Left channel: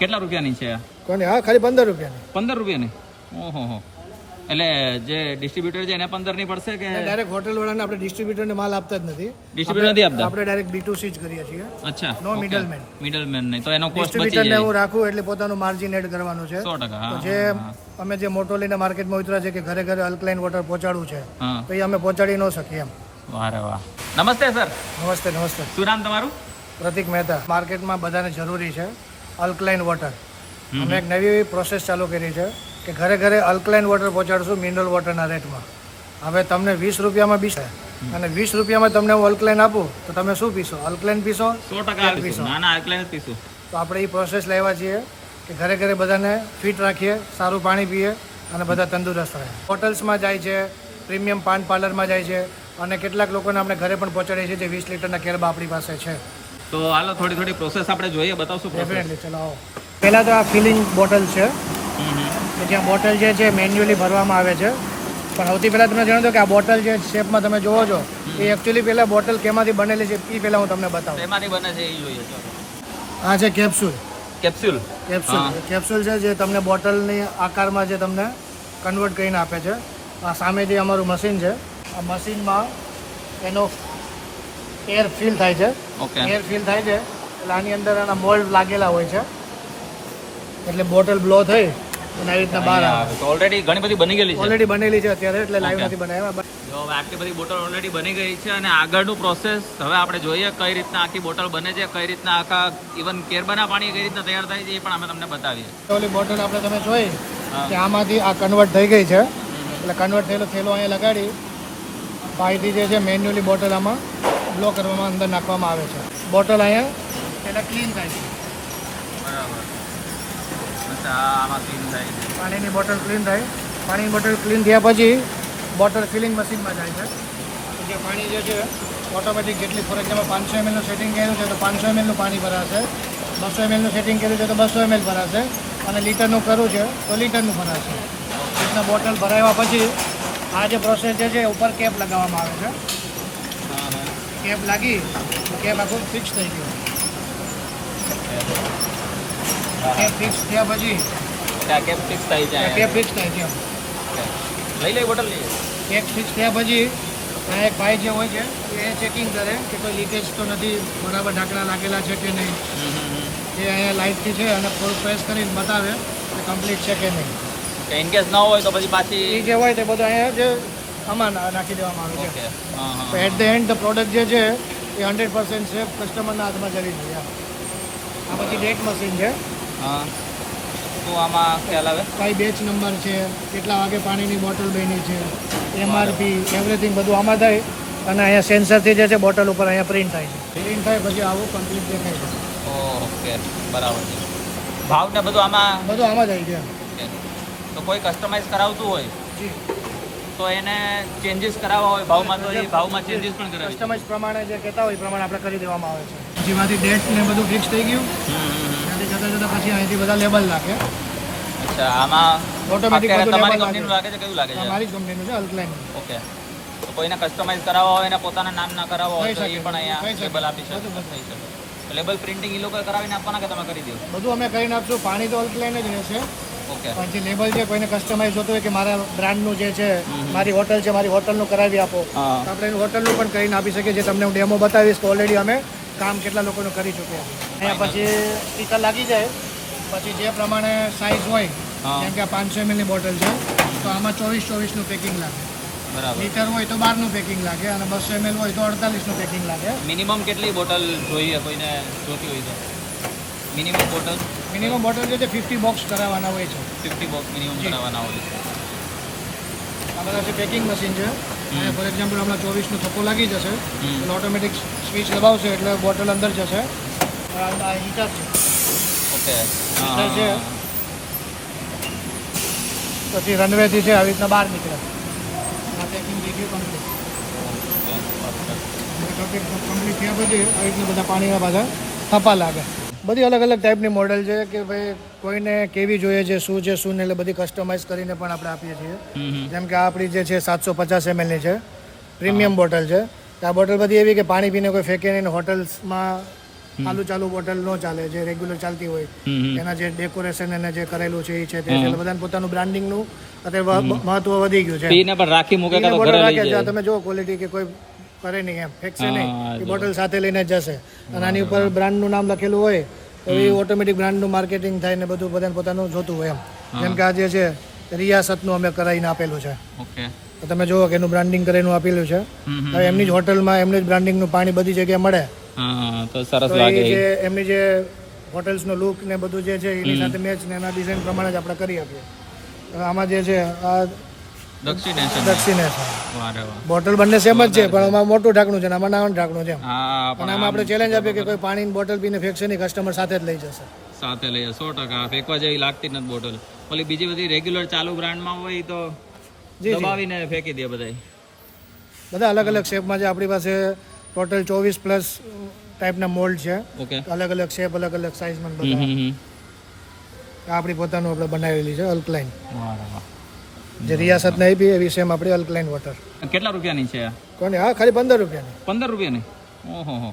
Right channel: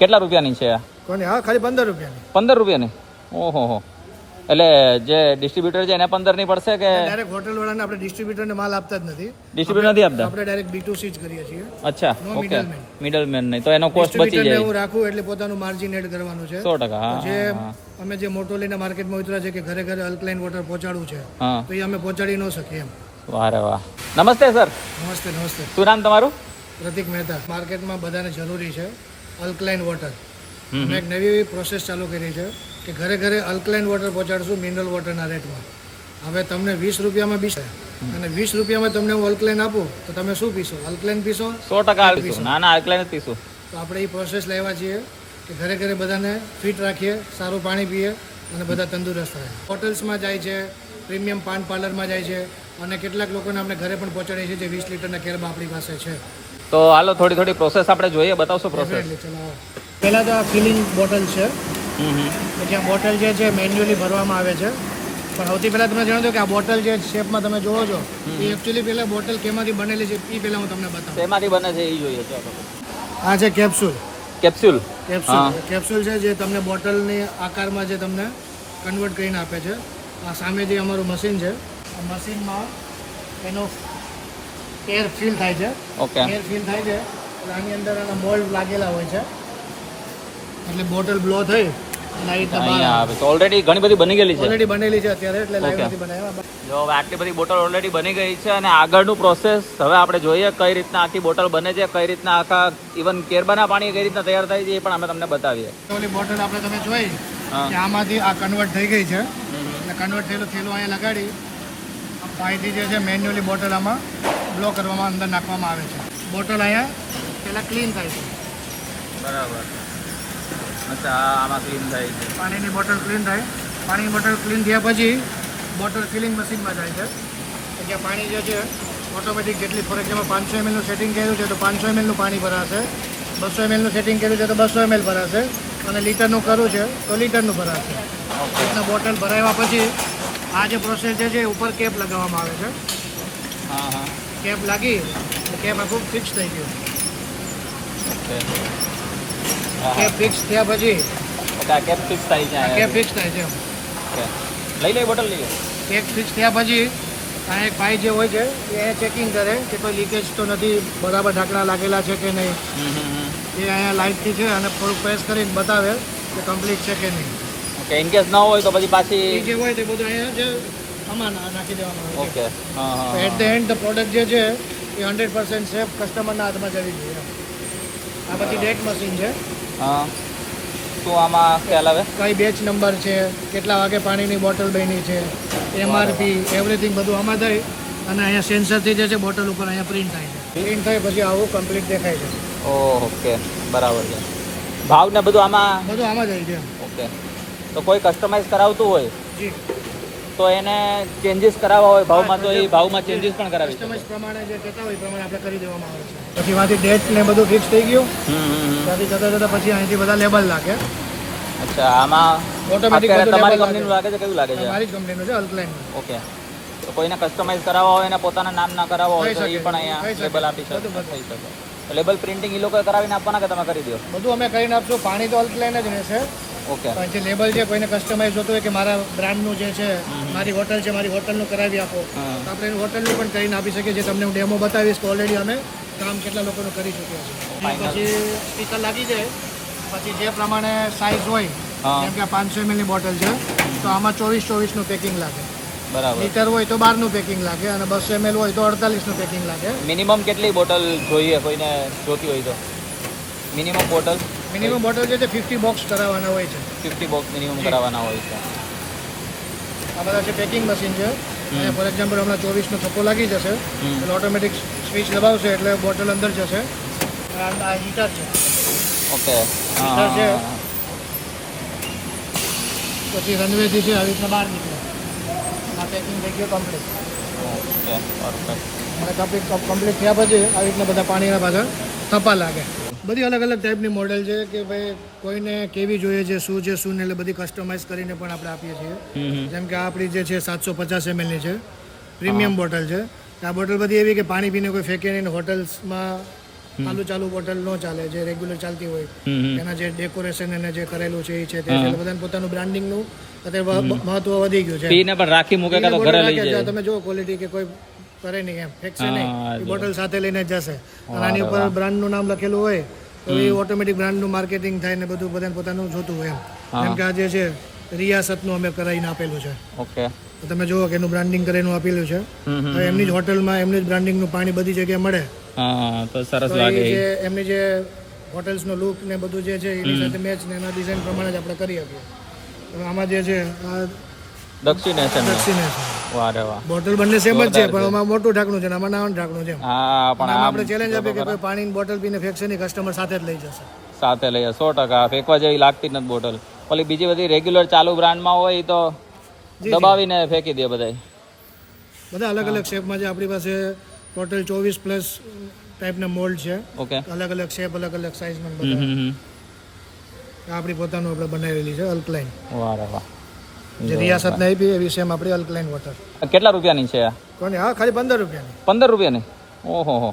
કેટલા રૂપિયાની છે આ? કોને? હા, ખાલી 15 રૂપિયાની. 15 રૂપિયાની? ઓહો હો. એટલે જે ડિસ્ટ્રીબ્યુટર છે એને 15 ની પડશે કે ડાયરેક્ટ હોટલ વાળાને આપણે ડિસ્ટ્રીબ્યુટરને માલ આપતા જ નથી. ડિસ્ટ્રીબ્યુટર નથી આપતા? આપણે ડાયરેક્ટ B2C જ કરીએ છીએ. અચ્છા, નો મિડલમેન. મિડલમેન નહીં, તો એનો કોસ્ટ બચી ડિસ્ટ્રીબ્યુટરને જાય. હું રાખું એટલે પોતાનું માર્જિન એડ કરવાનું છે. 100%. હા, જે અમે જે મોટો લઈને માર્કેટમાં ઉતર્યા છે કે ઘરે ઘરે અલ્કલાઇન વોટર પહોંચાડવું છે, હા. તો એ અમે પહોંચાડી ન શકીએ એમ. વાહ રે વાહ. નમસ્તે સર. નમસ્તે. નમસ્તે. શું નામ તમારું? પ્રતિક મહેતા. માર્કેટમાં બધાને જરૂરી છે અલ્કલાઇન વોટર. અમે એક નવી પ્રોસેસ ચાલુ કરી છે કે ઘરે ઘરે અલ્કલાઇન વોટર પહોંચાડશું મિનરલ વોટરના રેટમાં. હવે તમને 20 રૂપિયામાં બી છે અને 20 રૂપિયામાં તમને હું અલ્કલાઇન આપું તો તમે શું પીશો? અલ્કલાઇન પીશો? 100% પીશું. ના ના, અલ્કલાઇન જ પીશું. તો આપણે એ પ્રોસેસ લાવ્યા છીએ કે ઘરે ઘરે બધાને ફિટ રાખીએ, સારું પાણી પીએ અને બધા તંદુરસ્ત રહે. હોટલ્સમાં જાય છે, પ્રીમિયમ પાન પાર્લરમાં જાય છે અને કેટલાક લોકોને આપણે ઘરે પણ પહોંચાડીએ છીએ જે 20 લીટરના કેરબા આપણી પાસે છે. તો હાલો થોડી પ્રોસેસ આપણે જોઈએ, બતાવશો પ્રોસેસ? ડેફિનેટલી. ચલાવો. પહેલાં તો આ ફિલિંગ બોટલ છે કે જ્યાં બોટલ જે છે મેન્યુઅલી ભરવામાં આવે છે. પણ સૌથી પહેલાં તમને જણાવું કે આ બોટલ જે શેપમાં તમે જોવો છો એ એકચ્યુઅલી પહેલાં બોટલ કેમાંથી બનેલી છે એ પહેલાં હું તમને બતાવું. શેમાંથી બને છે એ જોઈએ તો. આ છે કેપ્સ્યુલ. કેપ્સ્યુલ? કેપ્સ્યુલ છે જે તમને બોટલની આકારમાં જે તમને કન્વર્ટ કરીને આપે છે. આ સામે જે અમારું મશીન છે, આ મશીનમાં એનો એર ફિલ થાય છે. ઓકે. એર ફિલ થાય છે એટલે આની અંદર એના મોલ્ડ લાગેલા હોય છે એટલે બોટલ બ્લો થઈ અને આવી રીતના બહાર આવે. તો ઓલરેડી ઘણી બધી બની ગયેલી છે? ઓલરેડી બનેલી છે અત્યારે, એટલે લાઈવ નથી બનાવ્યા. જો હવે આટલી બધી બોટલ ઓલરેડી બની ગઈ છે અને આગળનું પ્રોસેસ હવે આપણે જોઈએ કઈ રીતના આખી બોટલ બને છે, કઈ રીતના આખા ઇવન કેરબાના પાણી કઈ રીતના તૈયાર થાય છે એ પણ અમે તમને બતાવીએ. ઓલી બોટલ આપણે તમે જોઈ કે આમાંથી આ કન્વર્ટ થઈ ગઈ છે એટલે કન્વર્ટ થયેલો થેલો અહીંયા લગાડી પાઇપથી જે છે મેન્યુઅલી બોટલ આમાં બ્લો કરવામાં અંદર નાખવામાં આવે છે. બોટલ અહીંયા પહેલાં ક્લીન થાય છે. પાણીની બોટલ ક્લીન થાય. પાણીની બોટલ ક્લીન થયા પછી બોટલ ફિલિંગ મશીનમાં જાય છે. તો કે પાણી જે છે ઓટોમેટિક જેટલી ફોર એક્ઝામ્પલ 500 ml નું સેટિંગ કર્યું છે તો 500 ml નું પાણી ભરાશે, 200 ml નું સેટિંગ કર્યું છે તો 200 ml ભરાશે અને લીટરનું કરવું છે તો લીટરનું ભરાશે. રીતના બોટલ ભરાવ્યા પછી આ જે પ્રોસેસ છે ઉપર કેપ લગાવવામાં આવે છે. કેપ લાગી તો કેપ આખું ફિક્સ થઈ ગયું. કેપ ફિક્સ થયા પછી કેપ ફિક્સ થાય છે. કેપ ફિક્સ થાય છે. લઈ લે બોટલ લઈ. કેપ ફિક્સ થયા પછી આ એક ભાઈ જે હોય છે એ ચેકિંગ કરે કે કોઈ લીકેજ તો નથી, બરાબર ઢાંકણા લાગેલા છે કે નહીં. એ અહીંયા લાઇટથી છે અને પ્રેસ કરીને બતાવે કે કમ્પ્લીટ છે કે નહીં. ઇનકેસ ન હોય તો પછી પાછી એ જે હોય તે બધું અહીંયા જે આમાં નાખી દેવામાં આવે છે. તો એટ ધ એન્ડ પ્રોડક્ટ જે છે એ 100% સેફ કસ્ટમરના હાથમાં જવી જોઈએ. આ પછી બેચ મશીન છે. તો આમાં ખ્યાલ આવે કઈ બેચ નંબર છે, કેટલા વાગે પાણીની બોટલ બની છે, MRP એવરીથિંગ બધું આમાં થાય અને અહીંયા સેન્સરથી જે છે બોટલ ઉપર અહીંયા પ્રિન્ટ થાય છે. પ્રિન્ટ થાય પછી આવું કમ્પ્લીટ દેખાય છે. ઓકે, બરાબર છે. ભાવ ને બધું આમાં જ આવી છે. ઓકે. તો કોઈ કસ્ટમાઇઝ કરાવતું હોય જી તો એને ચેન્જીસ કરાવવા હોય ભાવમાં તો એ ભાવમાં ચેન્જીસ પણ કરાવી કસ્ટમાઇઝ પ્રમાણે જે કહેતા હોય એ પ્રમાણે આપણે કરી દેવામાં આવે છે. પછી માંથી ડેટ ને બધું ફિક્સ થઈ ગયું ત્યાંથી જતો જતો પછી અહીંથી બધા લેબલ લાગે. આમાં ઓટોમેટિક બધું લેબલ લાગે છે. કયું લાગે છે? મારી જ કંપનીનું છે અલ્કલાઇન. ઓકે. તો કોઈને કસ્ટમાઇઝ કરાવવા હોય એના પોતાના નામ ના કરાવવા હોય તો એ પણ અહીંયા લેબલ આપી શકે. લેબલ પ્રિન્ટિંગ એ લોકોએ કરાવીને આપવાના કે તમે કરી દો? બધું અમે કરીને આપશું. પાણી તો અલ્કલાઇન જ રહેશે. ઓકે. કારણ કે લેબલ છે કોઈને કસ્ટમાઇઝ જોતું હોય કે મારા બ્રાન્ડનું જે છે મારી હોટલ છે મારી હોટલનું કરાવી આપો તો આપણે એનું હોટલનું પણ કરીને આપી શકીએ. જે તમને હું ડેમો બતાવીશ તો ઓલરેડી અમે કામ કેટલા લોકોનું કરી ચૂક્યા છે. અહીંયા પછી સ્ટીકર લાગી જાય પછી જે પ્રમાણે સાઇઝ હોય જેમ કે આ 500 ml ની બોટલ છે તો આમાં 24-24નું પેકિંગ લાગે. લીટર હોય તો 12નું પેકિંગ લાગે અને 200 ml હોય તો 48નું પેકિંગ લાગે. મિનિમમ કેટલી બોટલ જોઈએ કોઈને જોતી હોય તો? મિનિમમ બોટલ જે છે 50 બોક્સ કરાવવાના હોય છે. 50 બોક્સ મિનિમમ કરાવવાના હોય છે. આ બધા જે પેકિંગ મશીન છે અને ફોર એક્ઝામ્પલ હમણાં 24નો થપ્પો લાગી જશે એટલે ઓટોમેટિક સ્વિચ દબાવશે એટલે બોટલ અંદર જશે. આ હીટર છે. ઓકે. હીટર છે પછી રનવેથી છે આવી રીતના બહાર નીકળે. આ પેકિંગ થઈ ગયું કમ્પ્લીટ. અને કમ્પ્લીટ થયા પછી આવી રીતના બધા પાણીના પાછા થપ્પા લાગે. બધી અલગ અલગ ટાઈપની મોડેલ છે કે ભાઈ કોઈને કેવી જોઈએ છે, શું છે શું ને એટલે બધી કસ્ટમાઇઝ કરીને પણ આપણે આપીએ છીએ. જેમ કે આપણી જે છે 750 ml ની છે, પ્રીમિયમ બોટલ છે. આ બોટલ બધી એવી કે પાણી પીને કોઈ ફેંકે નહીં. હોટલ્સમાં ચાલુ બોટલ ન ચાલે, જે રેગ્યુલર ચાલતી હોય એના જે ડેકોરેશન એને જે કરેલું છે એ છે તે છે. બધાને પોતાનું બ્રાન્ડિંગનું અત્યારે મહત્વ વધી ગયું છે. પીને પણ રાખી મૂકે પીને તો બોટલ ઘરે લઈ રાખે, જો જાય. તમે જો ક્વોલિટી કે કોઈ કરે નહીં એમ ફેંકશે હા, નહીં, એ બોટલ સાથે લઈને જ જશે. અને આની ઉપર બ્રાન્ડનું નામ લખેલું હોય તો એ ઓટોમેટિક બ્રાન્ડનું માર્કેટિંગ થાય ને બધું બધાને પોતાનું જોતું હોય એમ. જેમ કે આ જે છે રિયાસતનું અમે કરાવીને આપેલું છે. ઓકે. તો તમે જુઓ કે એનું બ્રાન્ડિંગ કરેલું આપેલું છે. હવે એમની જ હોટલમાં એમની જ બ્રાન્ડિંગનું પાણી બધી જગ્યાએ મળે હા, તો સરસ તો લાગે. એ જે એમની જે હોટેલ્સનો લુક ને બધું જે છે એની સાથે મેચ ને એના ડિઝાઇન પ્રમાણે જ આપણે કરી આપીએ. હવે આમાં જે છે આ દક્ષિણેશન. દક્ષિણેશન વાહ રે વાહ. બોટલ બંને સેમ જ છે, પણ આમાં મોટું ઢાંકણું છે ને આમાં નાનું ઢાંકણું છે. હા, પણ પણ આમાં આપણે ચેલેન્જ આપીએ કે કોઈ પાણીની બોટલ પીને ફેંકશે નહીં, કસ્ટમર સાથે જ લઈ જશે. સાથે લઈએ 100%. ફેંકવા જેવી લાગતી જ નથી બોટલ. ઓલી બીજી બધી રેગ્યુલર ચાલુ બ્રાન્ડમાં હોય ઈ તો દબાવીને ફેંકી દે બધાય. બધા અલગ અલગ શેપમાં છે આપણી પાસે. ટોટલ 24+ ટાઈપના મોલ્ડ છે, ઓકે. અલગ અલગ શેપ, અલગ અલગ સાઇઝમાં બધા. આ આપણી પોતાનું આપણે બનાવેલી છે અલ્કલાઇન, વાહ રે વાહ. જે રિયાસતને આપી એવી સેમ આપણી અલ્કલાઇન વોટર. કેટલા રૂપિયાની છે આ? તો હા, ખાલી 15 રૂપિયાની. 15 રૂપિયાની? ઓહો હો.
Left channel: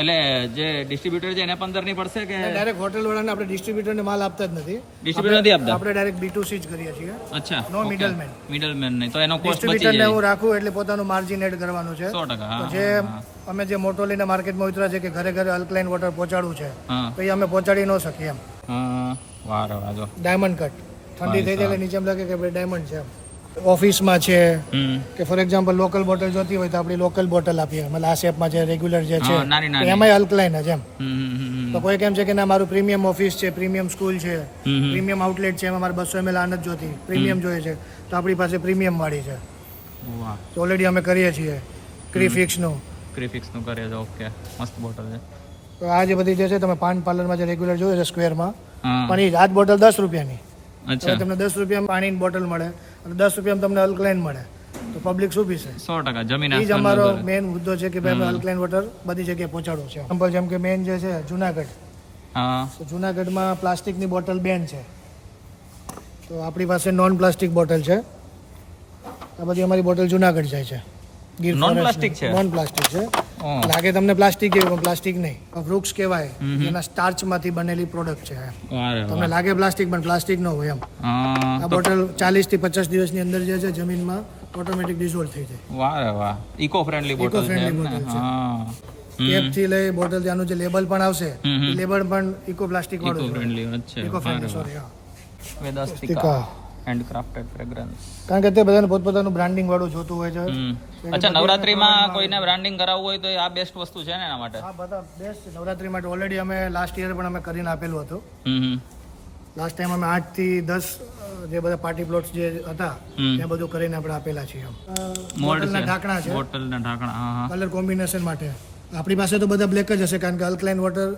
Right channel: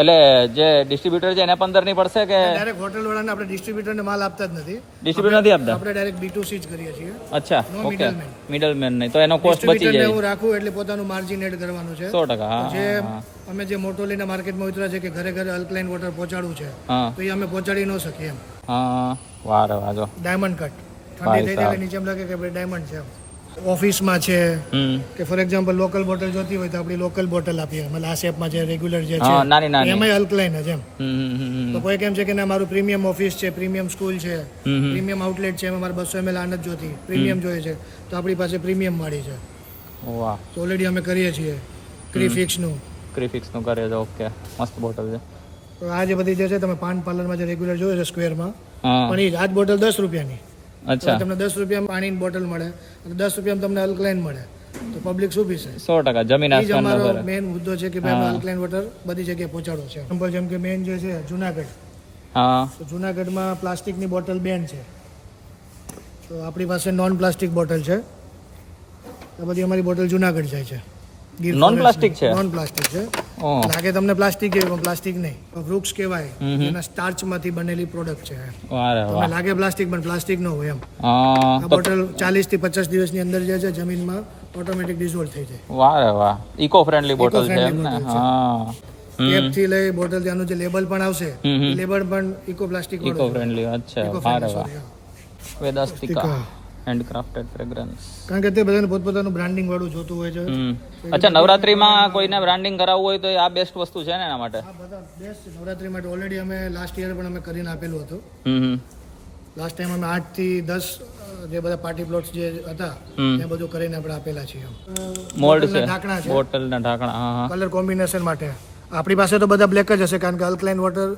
એટલે જે ડિસ્ટ્રીબ્યુટર છે એને 15 ની પડશે કે ડાયરેક્ટ હોટેલ વાળાને આપણે ડિસ્ટ્રીબ્યુટરને માલ આપતા જ નથી. ડિસ્ટ્રીબ્યુટર નથી આપતા? આપણે ડાયરેક્ટ B2C જ કરીએ છીએ. અચ્છા. નો મિડલમેન. મિડલમેન નહીં, તો એનો કોસ્ટ બચી ડિસ્ટ્રીબ્યુટરને જાય. હું રાખું એટલે પોતાનું માર્જિન એડ કરવાનું છે. 100%. હા, જે અમે જે મોટો લઈને માર્કેટમાં ઉતર્યા છે કે ઘરે ઘરે અલ્કલાઇન વોટર પહોંચાડવું છે, હા. તો એ અમે પહોંચાડી ન શકીએ એમ. હા, વાહ રે વાહ. જો ડાયમંડ કટ ઠંડી થઈ જાય એટલે નીચે એમ લાગે કે ભાઈ ડાયમંડ છે એમ. ઓફિસમાં છે કે ફોર એક્ઝામ્પલ લોકલ બોટલ જોતી હોય તો આપણી લોકલ બોટલ આપીએ, મતલબ આ શેપમાં જે રેગ્યુલર જે છે હા, નાની નાની. એમાંય અલ્કલાઇન જ એમ. હમ. તો કોઈ કેમ છે કે ના મારું પ્રીમિયમ ઓફિસ છે, પ્રીમિયમ સ્કૂલ છે, પ્રીમિયમ આઉટલેટ છે, એમાં મારે 200 ml આનંદ જોતી, પ્રીમિયમ જોઈએ છે, તો આપણી પાસે પ્રીમિયમ વાળી છે. વાહ. તો ઓલરેડી અમે કરીએ છીએ ક્રીફિક્સનું. ક્રીફિક્સ નું કરે છે. ઓકે, મસ્ત બોટલ છે. તો આ જે બધી જે છે તમે પાન પાર્લરમાં જે રેગ્યુલર જોઈએ છે સ્ક્વેરમાં, હા, પણ એ આજ બોટલ 10 રૂપિયાની. અચ્છા. તમને 10 રૂપિયામાં પાણીની બોટલ મળે અને 10 રૂપિયામાં તમને અલ્કલાઇન મળે, તો પબ્લિક શું પીશે? 100% જમીન એ જ આસમાનનો અમારો ફરક. મેઇન મુદ્દો છે કે ભાઈ અમે અલ્કલાઇન વોટર બધી જગ્યાએ પહોંચાડવું છે. એક્ઝામ્પલ જેમ કે મેઇન જે છે જુનાગઢ, હા. તો જુનાગઢમાં પ્લાસ્ટિકની બોટલ બેન છે, તો આપણી પાસે નોન પ્લાસ્ટિક બોટલ છે. આ બધી અમારી બોટલ જુનાગઢ જાય છે. Non-plastic છે? નોન પ્લાસ્ટિક છે. ઓહ. લાગે તમને પ્લાસ્ટિક એવું, પણ પ્લાસ્ટિક નહીં. વૃક્ષ કહેવાય, એના સ્ટાર્ચમાંથી બનેલી પ્રોડક્ટ છે. વાહ રે તમને વાહ. લાગે પ્લાસ્ટિક, પણ પ્લાસ્ટિક ન હોય એમ. હા, આ બોટલ 40 થી 50 દિવસની અંદર જે છે જમીનમાં ઓટોમેટિક ડિઝોલ્વ થઈ જાય. વાહ રે વાહ. ઇકો ફ્રેન્ડલી બોટલ છે. Eco-friendly એમ ને? બોટલ છે. હા. કેપ થી લઈ બોટલ ત્યાંનું જે લેબલ પણ આવશે, હમ. લેબલ પણ ઇકો પ્લાસ્ટિક ઇકો વાળું છે. ફ્રેન્ડલી. અચ્છા. ઇકો વાહ રે ફ્રેન્ડલી, વાહ. સોરી. વેદાસ્તિકા હેન્ડક્રાફ્ટેડ ફ્રેગ્રન્સ. કારણ કે તે બધાને પોતપોતાનું બ્રાન્ડિંગ વાળું જોતું હોય છે. અચ્છા, નવરાત્રીમાં કોઈને બ્રાન્ડિંગ કરાવવું હોય તો એ આ બેસ્ટ વસ્તુ છે ને એના માટે? આ બધા બેસ્ટ છે. નવરાત્રી માટે ઓલરેડી અમે લાસ્ટ યર પણ અમે કરીને આપેલું હતું. હમ. લાસ્ટ ટાઈમ અમે 8 થી 10 જે બધા પાર્ટી પ્લોટ્સ જે હતા એ બધું કરીને આપણે આપેલા છીએ. મોલ્ડ બોટલના છે. ઢાંકણા છે બોટલના ઢાંકણા. હા, કલર કોમ્બિનેશન માટે. આપણી પાસે તો બધા બ્લેક જ હશે, કારણ કે અલ્કલાઇન વોટર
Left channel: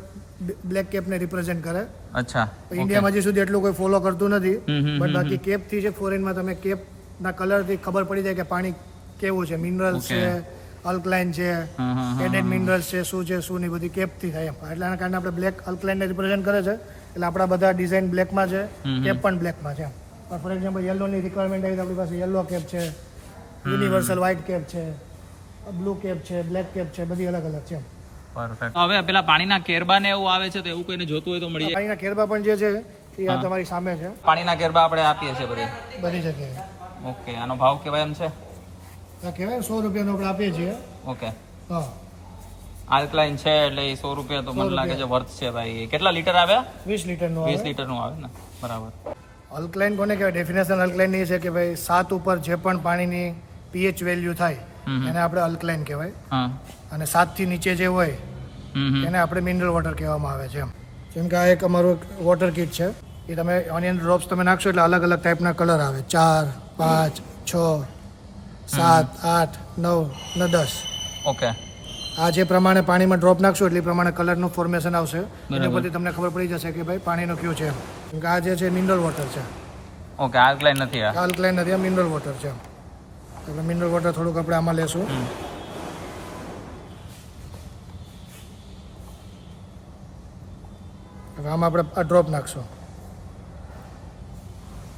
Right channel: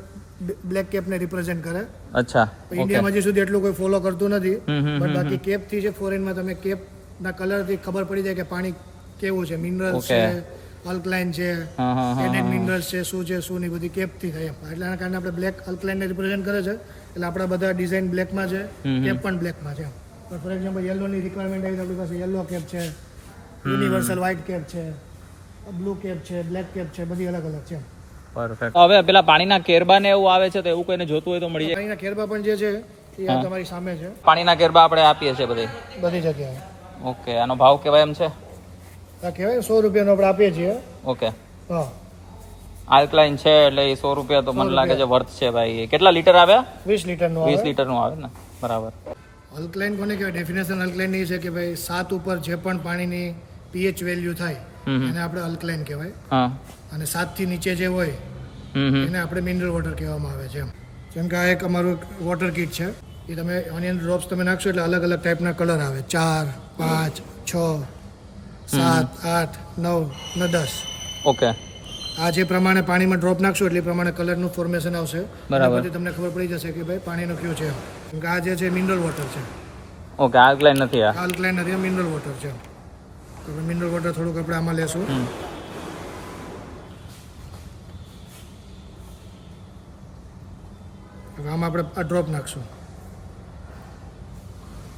બ્લેક કેપને રિપ્રેઝેન્ટ કરે. અચ્છા. ઇન્ડિયામાં હજી સુધી એટલું કોઈ ફોલો કરતું નથી, હમ. બટ બાકી કેપ થી છે ફોરેનમાં તમે કેપ ના કલર થી ખબર પડી જાય કે પાણી કેવું છે, મિનરલ્સ છે, અલ્કલાઇન છે, હા, હા, હા. એડેડ મિનરલ્સ છે, શું છે શું નહીં, બધી કેપ થી થાય એમ. એટલાના કારણે આપણે બ્લેક અલ્કલાઇનને રિપ્રેઝેન્ટ કરે છે, એટલે આપણા બધા ડિઝાઇન બ્લેકમાં છે, કેપ પણ બ્લેકમાં છે એમ. પણ ફોર એક્ઝામ્પલ યલોની રિક્વાયરમેન્ટ આવી તો આપણી પાસે યલો કેપ છે, યુનિવર્સલ વ્હાઇટ કેપ છે, બ્લુ કેપ છે, બ્લેક કેપ છે, બધી અલગ અલગ છે એમ. પરફેક્ટ. હવે પેલા પાણીના કેરબા ને એવું આવે છે તો એવું કોઈને જોતું હોય તો મળી જાય? પાણીના કેરબા પણ જે છે એ આ તમારી સામે છે, પાણીના કેરબા આપણે આપીએ છીએ બધે. બધી જગ્યાએ. ઓકે, આનો ભાવ કેવાય એમ છે? આ કહેવાય 100 રૂપિયાનો આપણે આપીએ છીએ. ઓકે. હા, આલ્કલાઇન છે એટલે એ 100 રૂપિયા તો મને લાગે છે વર્થ છે ભાઈ. કેટલા લીટર આવ્યા? 20 લીટરનું 20 આવે. લીટરનું આવે ને? બરાબર. અલ્કલાઇન કોને કહેવાય? ડેફિનેશન અલ્કલાઇનની છે કે ભાઈ 7 ઉપર જે પણ પાણીની pH વેલ્યુ થાય એને આપણે અલ્કલાઇન કહેવાય, હા. અને 7 થી નીચે જે હોય એને આપણે મિનરલ વોટર કહેવામાં આવે છે એમ. જેમ કે આ એક અમારું વોટર કિટ છે, એ તમે ઓનિયન ડ્રોપ્સ તમે નાખશો એટલે અલગ અલગ ટાઈપના કલર આવે, 4, 5, 6, 7, 8, 9 ને 10. ઓકે. આ જે પ્રમાણે પાણીમાં ડ્રોપ નાખશો એટલે એ પ્રમાણે કલરનું ફોર્મેશન આવશે. બરાબર. એના પરથી તમને ખબર પડી જશે કે ભાઈ પાણીનું કયું છે. કેમ કે આ જે છે મિનરલ વોટર છે, ઓકે. આલ્કલાઇન નથી આ? આ અલ્કલાઇન નથી, આ મિનરલ વોટર છે. તો મિનરલ વોટર થોડુંક આપણે આમાં લેશું. હવે આમાં આપણે આ ડ્રોપ નાખશું.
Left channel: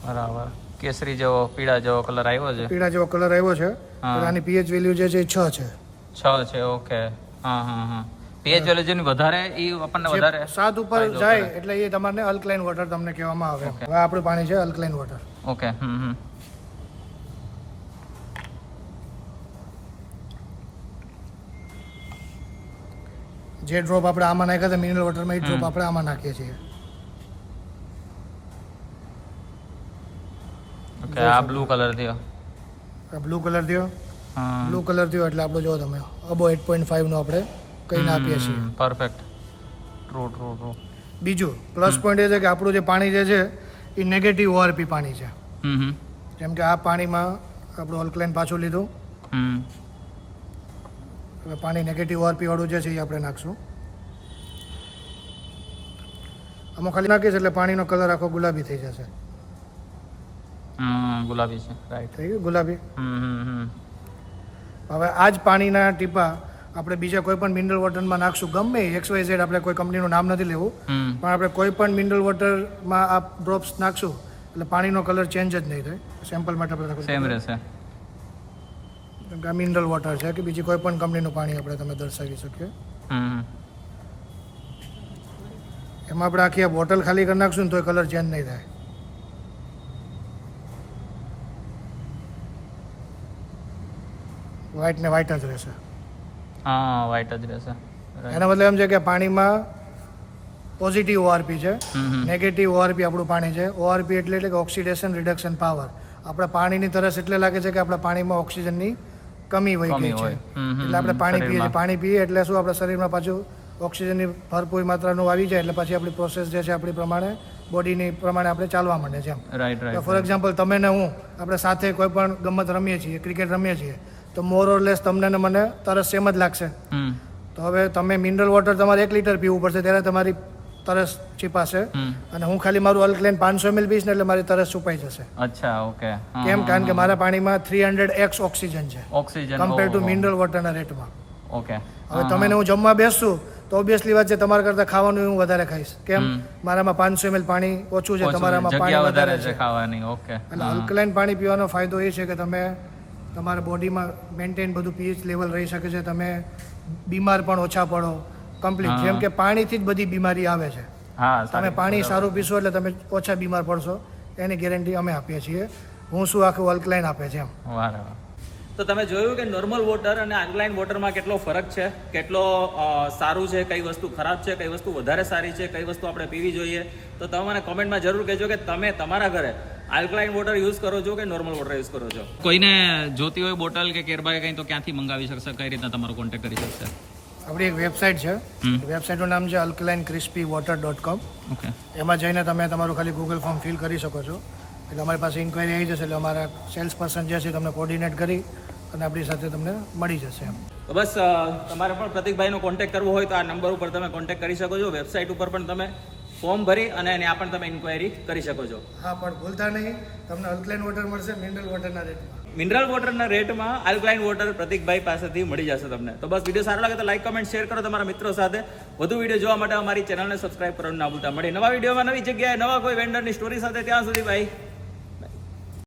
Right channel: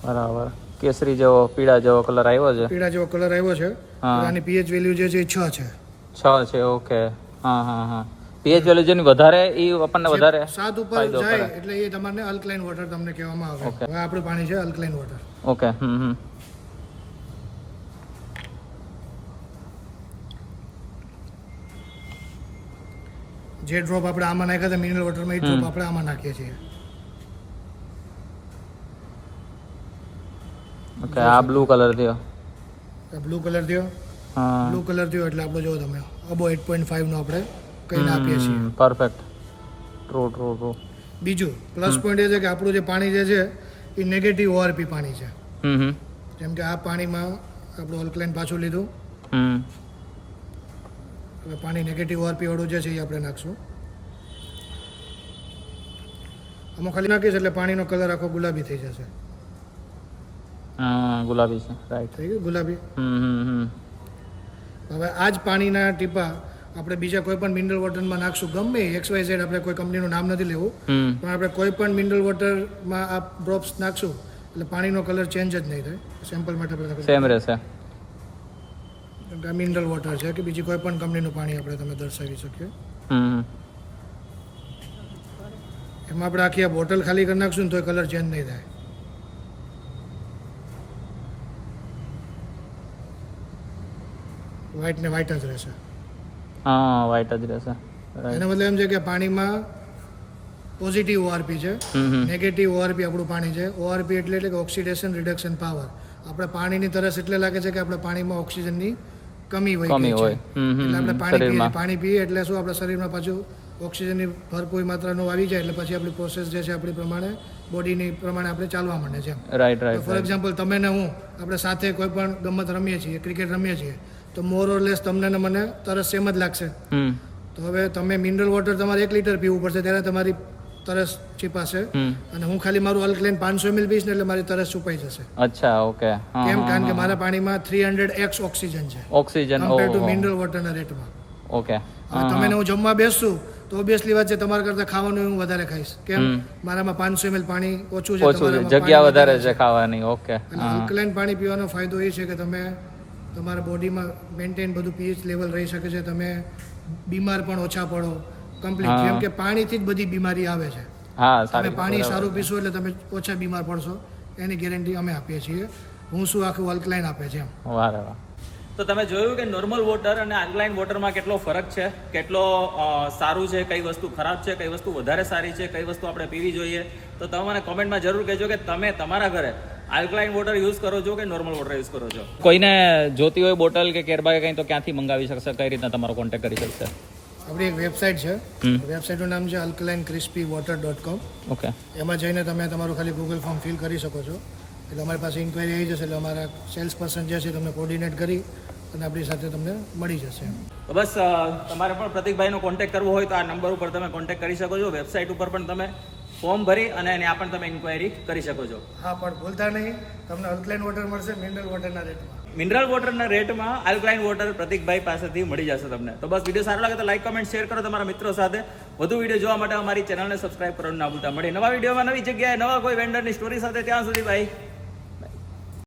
બરાબર. કેસરી જેવો પીળા જેવો કલર આવ્યો છે. પીળા જેવો કલર આવ્યો છે. હા. તો આની pH વેલ્યુ જે છે એ 6 છે. 6 છે. ઓકે. હા, હા, હા. પીએચ વેલ્યુ જેની વધારે એ આપણને વધારે 7 ઉપર જાય એટલે એ તમારે અલ્કલાઇન વોટર તમને કહેવામાં આવે. હવે આપણું પાણી છે અલ્કલાઇન વોટર. ઓકે. જે ડ્રોપ આપણે આમાં નાખ્યા હતા મિનરલ વોટરમાં એ ડ્રોપ આપણે આમાં નાખીએ છીએ. ઓકે. આ બ્લુ કલર થયો. બ્લુ કલર થયો. બ્લુ કલર થયો એટલે આપણે જો તમે અબો 8.5 નો આપણે કહીને આપીએ છીએ. પરફેક્ટ. ટ્રુ. બીજું પ્લસ પોઈન્ટ એ છે કે આપણું જે પાણી જે છે એ નેગેટિવ ઓઆરપી પાણી છે. જેમ કે આ પાણીમાં આપણું અલ્કલાઇન પાછું લીધું. હવે પાણી નેગેટિવ ઓઆરપી વાળું જે છે એ આપણે નાખશું. આમાં ખાલી નાખીશ એટલે પાણીનો કલર આખો ગુલાબી થઈ જશે. ગુલાબી છે. રાઈટ. થઈ ગયું ગુલાબી. હવે આ જ પાણીના ટીપા આપણે બીજા કોઈ પણ મિનરલ વોટરમાં નાખશું. ગમે XYZ આપણે કોઈ કંપનીનું નામ નથી લેવું, પણ આપણે કોઈ પણ મિનરલ વોટરમાં આ ડ્રોપ્સ નાખશું એટલે પાણીનો કલર ચેન્જ જ નહીં થાય. સેમ્પલ માટે આપણે સેમ રહેશે. કેમ કે આ મિનરલ વોટર છે કે બીજી કોઈ પણ કંપનીનું પાણી આપણે તમે દર્શાવી શકીએ. એમાં આપણે આખી આ બોટલ ખાલી કરી નાખશું ને તો કલર ચેન્જ નહીં થાય. વ્હાઇટ ને વ્હાઇટ જ રહેશે. વ્હાઇટ જ રહેશે. એના મતલબ એમ છે કે પાણીમાં પોઝિટિવ ઓઆરપી છે, નેગેટિવ ઓઆરપી આપણું પાણી છે. ઓઆરપી એટલે કે ઓક્સિડેશન રિડક્શન પાવર. આપણે પાણીની તરસ એટલે લાગે છે કે આપણા પાણીમાં ઓક્સિજનની કમી વહી ગઈ છે એટલે આપણે પાણી પીએ છીએ. પાણી પીએ એટલે શું આપણા શરીરમાં પાછું ઓક્સિજનની ભરપૂર માત્રાનું આવી જાય એટલે પછી આપણી પ્રોસેસ જે છે આપણી પ્રમાણે બોડીની પ્રમાણે આપણે ચાલવા માંડે છે. ફોર એક્ઝામ્પલ તમે ને હું આપણે સાથે કોઈ પણ ગમત રમીએ છીએ, ક્રિકેટ રમીએ છીએ, તો મોર ઓર લેસ તમને ને મને તરસ સેમ જ લાગશે. તો હવે તમે મિનરલ વોટર તમારે 1 લીટર પીવું પડશે ત્યારે તમારી તરસ છીપાશે, અને હું ખાલી મારું અલ્કલાઇન 500 ml પીશ ને એટલે મારી તરસ છુપાઈ જશે. અચ્છા. ઓકે. કેમ? કારણ કે મારા પાણીમાં 300x ઓક્સિજન છે કમ્પેર ટુ મિનરલ વોટરના રેટમાં. ઓકે. હવે તમે ને હું જમવા બેસશું તો ઓબ્વિયસલી વાત છે તમારા કરતાં ખાવાનું હું વધારે ખાઈશ. કેમ? મારામાં 500 ml પાણી ઓછું છે, તમારામાં પાણી વધારે છે ખાવાની. ઓકે. એટલે અલ્કલાઇન પાણી પીવાનો ફાયદો એ છે કે તમે તમારા બોડીમાં મેન્ટેન બધું પીએચ લેવલ રહી શકે છે. તમે બીમાર પણ ઓછા પડો કમ્પ્લીટ. જેમ કે પાણીથી જ બધી બીમારી આવે છે. તમે પાણી સારું પીશો એટલે તમે ઓછા બીમાર પડશો, એની ગેરંટી અમે આપીએ છીએ. હું શું આખું અલ્કલાઇન આપે છે એમ. તો તમે જોયું કે નોર્મલ વોટર અને અલ્કલાઇન વોટરમાં કેટલો ફરક છે, કેટલો સારું છે, કઈ વસ્તુ ખરાબ છે, કઈ વસ્તુ વધારે સારી છે, કઈ વસ્તુ આપણે પીવી જોઈએ. તો તમે મને કોમેન્ટમાં જરૂર કહેજો કે તમે તમારા ઘરે આલ્કલાઇન વોટર યુઝ કરો છો કે નોર્મલ વોટર યુઝ કરો છો. કોઈને જોતી હોય બોટલ કે કેરબા કે કંઈ તો ક્યાંથી મંગાવી શકશે, કઈ રીતના તમારો કોન્ટેક્ટ કરી શકશે? આપણી એક વેબસાઇટ છે, વેબસાઇટનું નામ છે alkalinecrispywater.com. ઓકે. એમાં જઈને તમે તમારું ખાલી ગૂગલ ફોર્મ ફિલ કરી શકો છો એટલે અમારી પાસે ઇન્ક્વાયરી આવી જશે એટલે અમારા સેલ્સ પર્સન જે છે તમને કોર્ડિનેટ કરી અને આપણી સાથે તમને મળી જશે. તો બસ તમારે પણ પ્રતિકભાઈનો કોન્ટેક્ટ કરવો હોય તો આ નંબર ઉપર તમે કોન્ટેક્ટ કરી શકો છો. વેબસાઇટ ઉપર પણ તમે ફોર્મ ભરી અને ત્યાં પણ તમે ઇન્ક્વાયરી કરી શકો છો. હા, પણ ભૂલતા નહીં તમને અલ્કલાઇન વોટર મળશે મિનરલ વોટરના રેટમાં. મિનરલ વોટરના રેટમાં અલ્કલાઇન વોટર પ્રતિકભાઈ પાસેથી મળી જશે તમને. તો બસ વિડીયો સારો લાગે તો લાઈક, કમેન્ટ, શેર કરો તમારા મિત્રો સાથે. વધુ વિડીયો જોવા માટે અમારી ચેનલને સબસ્ક્રાઇબ કરવાનું ના ભૂલતા. મળીએ નવા વિડીયોમાં, નવી જગ્યાએ, નવા કોઈ વેન્ડરની સ્ટોરી સાથે. ત્યાં સુધી ભાઈ